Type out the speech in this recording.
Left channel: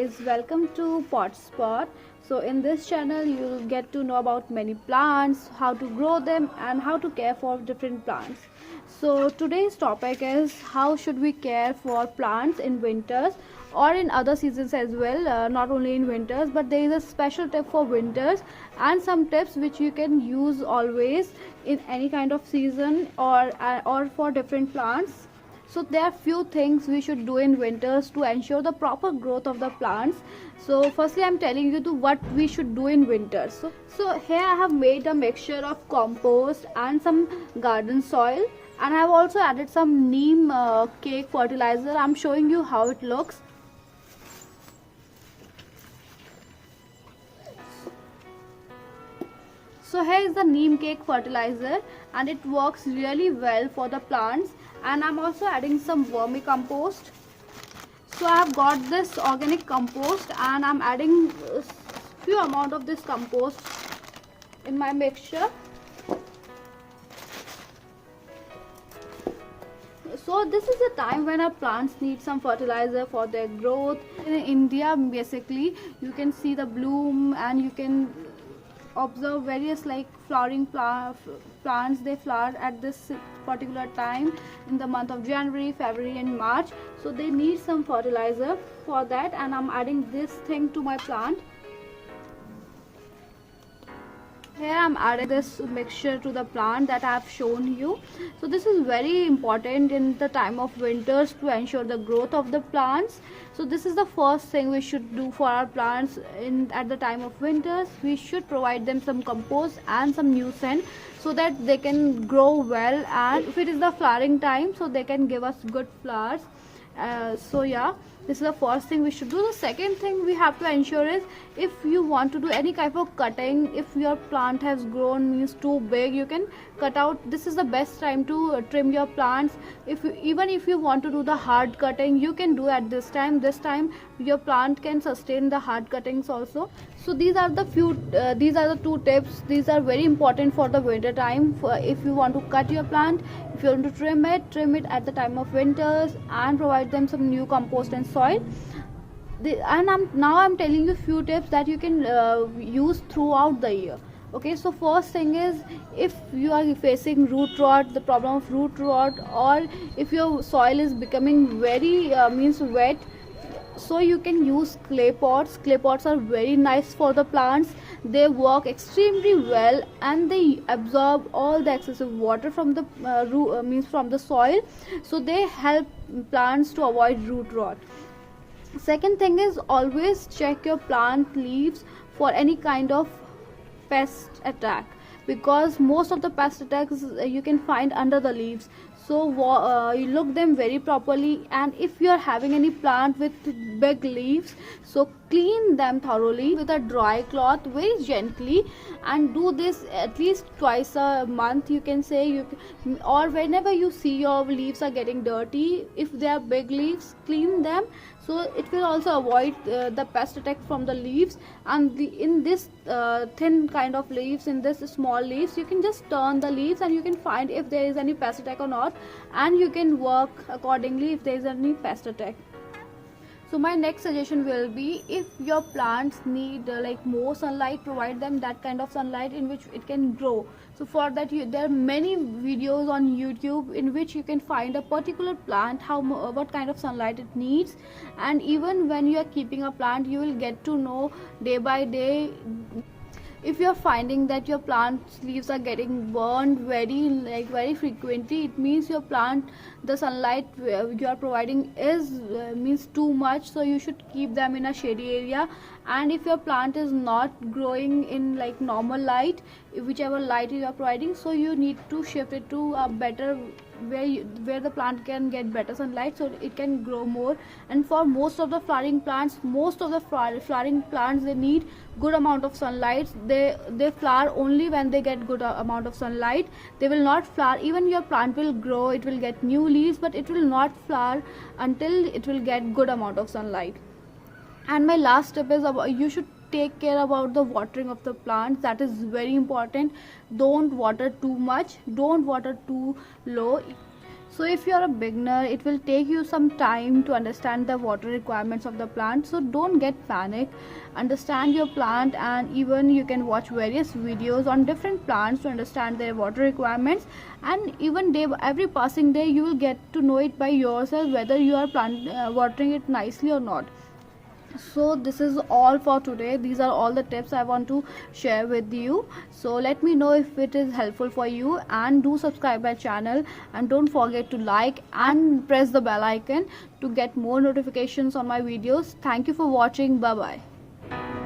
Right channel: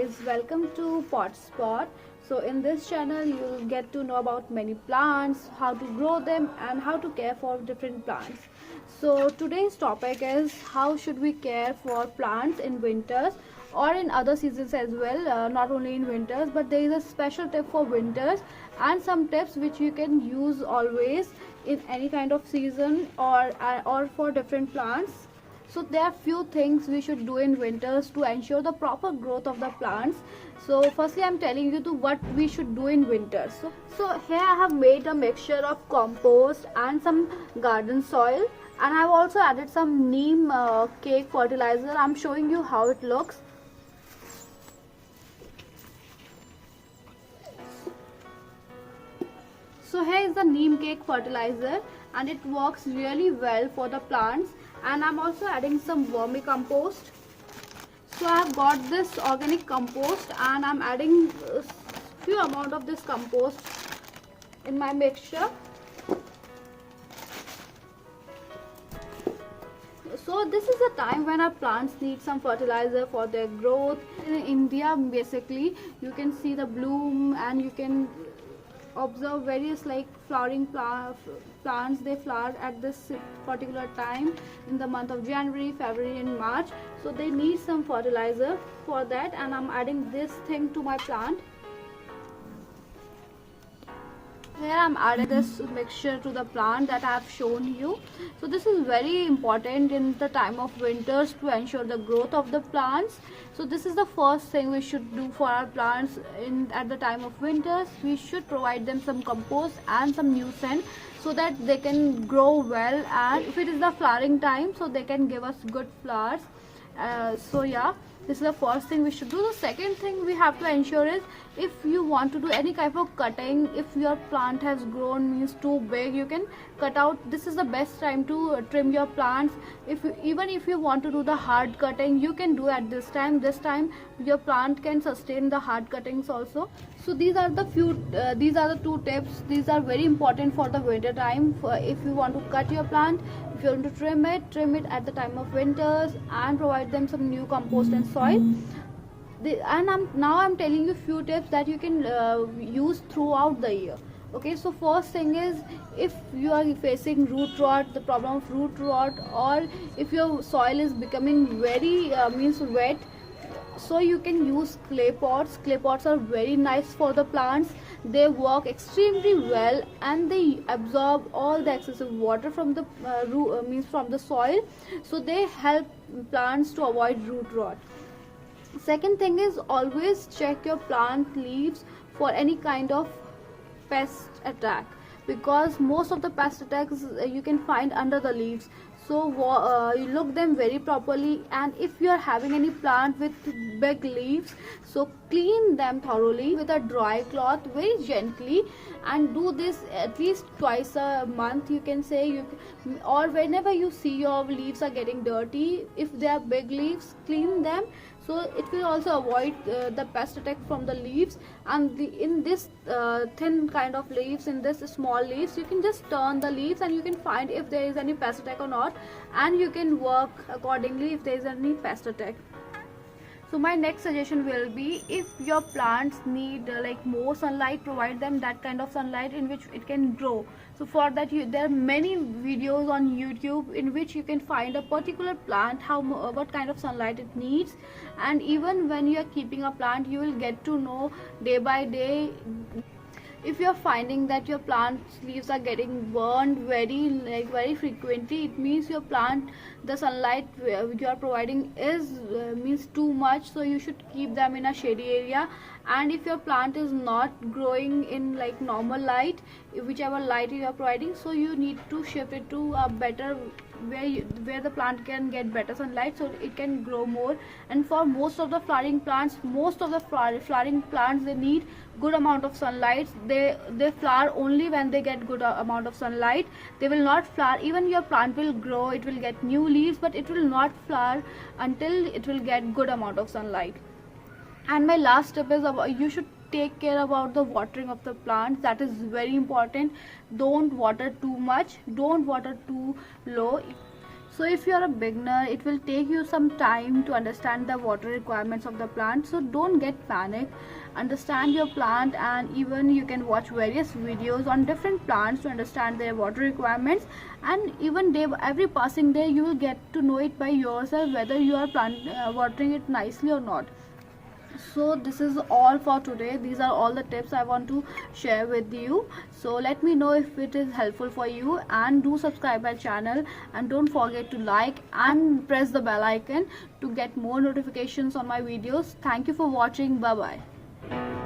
guys, welcome to Pot Spot. So in this channel you'll get to know about many plants, how to grow them and how to care for different plants. So today's topic is how should we care for plants in winters or in other seasons as well, not only in winters, but there is a special tip for winters and some tips which you can use always in any kind of season or for different plants. So there are few things we should do in winters to ensure the proper growth of the plants. So firstly I'm telling you to what we should do in winters. So here I have made a mixture of compost and some garden soil, and I have also added some neem cake fertilizer. I'm showing you how it looks. So here is the neem cake fertilizer and it works really well for the plants. And I'm also adding some vermicompost. So I have got this organic compost and I'm adding a few amount of this compost in my mixture. So this is the time when our plants need some fertilizer for their growth. In India basically you can see the bloom and you can observe various like flowering plants. They flower at this particular time in the month of January, February and March. So they need some fertilizer for that, and I'm adding this thing to my plant. Here I'm adding this mixture to the plant that I have shown you. So this is very important in the time of winters to ensure the growth of the plants. So this is the first thing we should do for our plants at the time of winters. We should provide them some compost and some nuisance so that they can grow well, and if it is the flowering time, so they can give us good flowers. So yeah, this is the first thing we should do. The second thing we have to ensure is, if you want to do any type of cutting, if your plant has grown, means too big, you can cut out. This is the best time to trim your plants. Even if you want to do the hard cutting, you can do at this time. This time your plant can sustain the hard cuttings also. So these are the two tips. These are very important for the winter time. If you want to cut your plant, if you want to trim it at the time of winters and provide them some new compost and soil. Now I'm telling you few tips that you can use throughout the year. Okay, so first thing is, if you are facing root rot, the problem of root rot, or if your soil is becoming very wet, so you can use clay pots. Clay pots are very nice for the plants. They work extremely well and they absorb all the excessive water from the from the soil, so they help plants to avoid root rot. Second thing is, always check your plant leaves for any kind of pest attack, because most of the pest attacks you can find under the leaves. So you look them very properly, and if you are having any plant with big leaves, so clean them thoroughly with a dry cloth very gently, and do this at least twice a month, you can say, or whenever you see your leaves are getting dirty, if they are big leaves, clean them. So it will also avoid the pest attack from the leaves. And in this thin kind of leaves, in this small leaves, you can just turn the leaves and you can find if there is any pest attack or not, and you can work accordingly if there is any pest attack. So my next suggestion will be, if your plants need like more sunlight, provide them that kind of sunlight in which it can grow. So for that there are many videos on YouTube in which you can find a particular plant, what kind of sunlight it needs. And even when you are keeping a plant, you will get to know day by day. If you are finding that your plant's leaves are getting burned very frequently, it means your plant, the sunlight you are providing is means too much, so you should keep them in a shady area. And if your plant is not growing in like normal light, whichever light you are providing, so you need to shift it to a better where the plant can get better sunlight, so it can grow more. And for most of the flowering plants, they need good amount of sunlight. They flower only when they get good amount of sunlight. They will not flower, even your plant will grow, it will get new leaves, but it will not flower until it will get good amount of sunlight. And my last tip is, you should take care about the watering of the plants. That is very important. Don't water too much, don't water too low. So if you're a beginner, it will take you some time to understand the water requirements of the plant. So don't get panic. Understand your plant, and even you can watch various videos on different plants to understand their water requirements. And even every passing day, you will get to know it by yourself whether you are watering it nicely or not. So this is all for today. These are all the tips I want to share with you. So let me know if it is helpful for you, and do subscribe my channel, and don't forget to like and press the bell icon to get more notifications on my videos. Thank you for watching. Bye bye.